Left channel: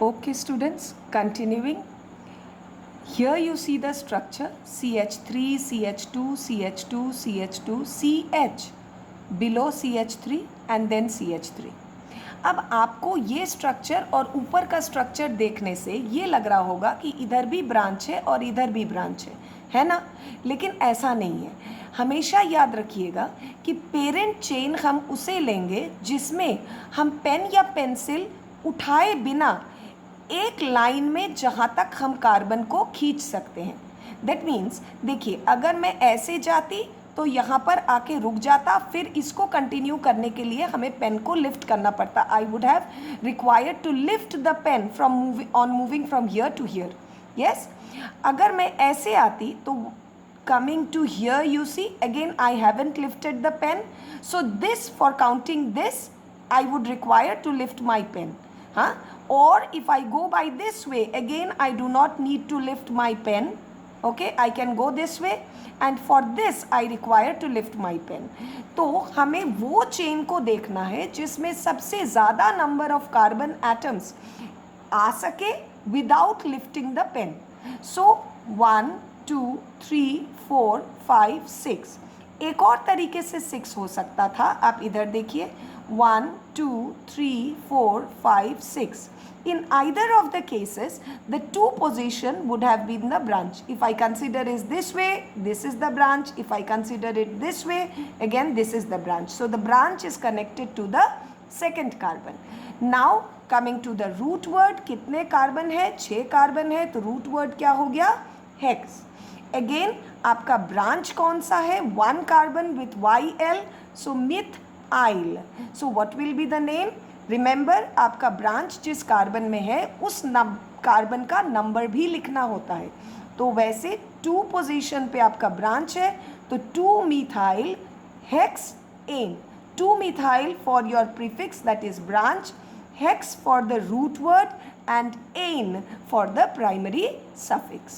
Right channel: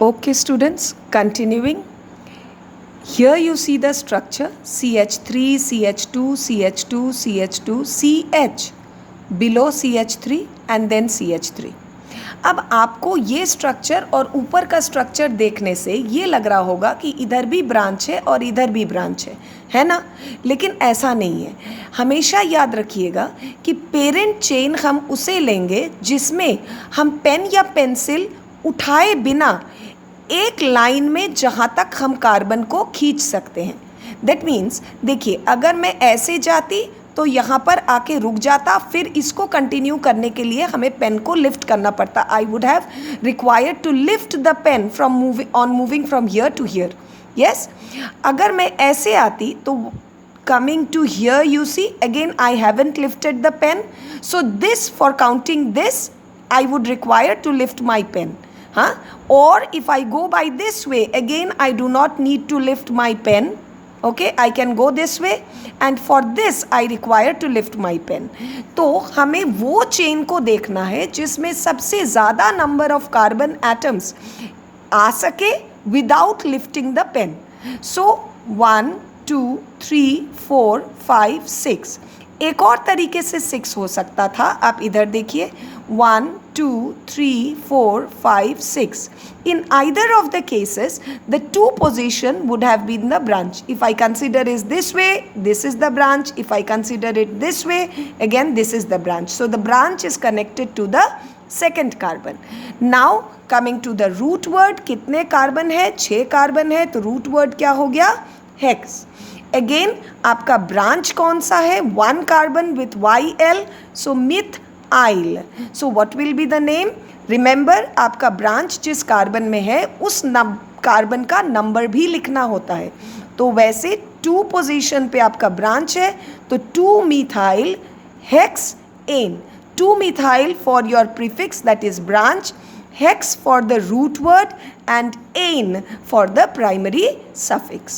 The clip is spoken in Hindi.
Okay, students, continuing. Here you see the structure CH3, CH2, CH2, CH2, CH, below CH3 and then CH3. अब आपको ये स्ट्रक्चर और ऊपर का स्ट्रक्चर देखने से ये लग रहा होगा कि इधर भी ब्रांच है और इधर भी ब्रांच है ना? लेकिन ऐसा नहीं है। हमेशा याद रखिएगा कि पेरेंट चेन हम उसे लेंगे जिसमें हम पेन या पेंसिल उठाए बिना एक लाइन में जहाँ तक हम कार्बन को खींच सकते हैं। दैट मीन्स देखिए, अगर मैं ऐसे जाती तो यहाँ पर आके रुक जाता, फिर इसको कंटिन्यू करने के लिए हमें पेन को लिफ्ट करना पड़ता। I would have required to lift the pen from moving from here to here. Yes, अगर मैं ऐसे आती तो coming to here you see again I haven't lifted the pen, so this for counting this I would require to lift my pen. Or if I go by this way, again I do not need to lift my pen. Okay, I can go this way and for this I require to lift my pen. तो हमें वो चेन को देखना है जिसमें सबसे ज़्यादा नंबर ऑफ कार्बन एटम्स आ सके without lifting the pen. So 1 2 3 4 5 6. एक और तरीके से 6 हो सकता था. आप इधर देखिए 1 2 3 4 5 6. In either of the cases, the two position would have been the branch. If I consider is this way, this is the branch. If I consider it this way, again this is the branch. So the branch is connected to the second carbon. Now coming to the root word, कितने कार्बन है? 6 कार्बन है, तो रूट वर्ड क्या हो गया? हेक्स. अगेन आपका ब्रांच कौन सा है? 1 carbon with YL, so methyl. So what will be the name? Remember, आपका ब्रांच जिस कार्बन में है उस कार्बन का नंबर भी लिखना होता है. तो वैसे 2 पोजीशन पे आपका ब्रांच है, तो 2 methyl hexane. 2 methyl for your prefix, that is branch, hex for the root word and ane for the primary suffix.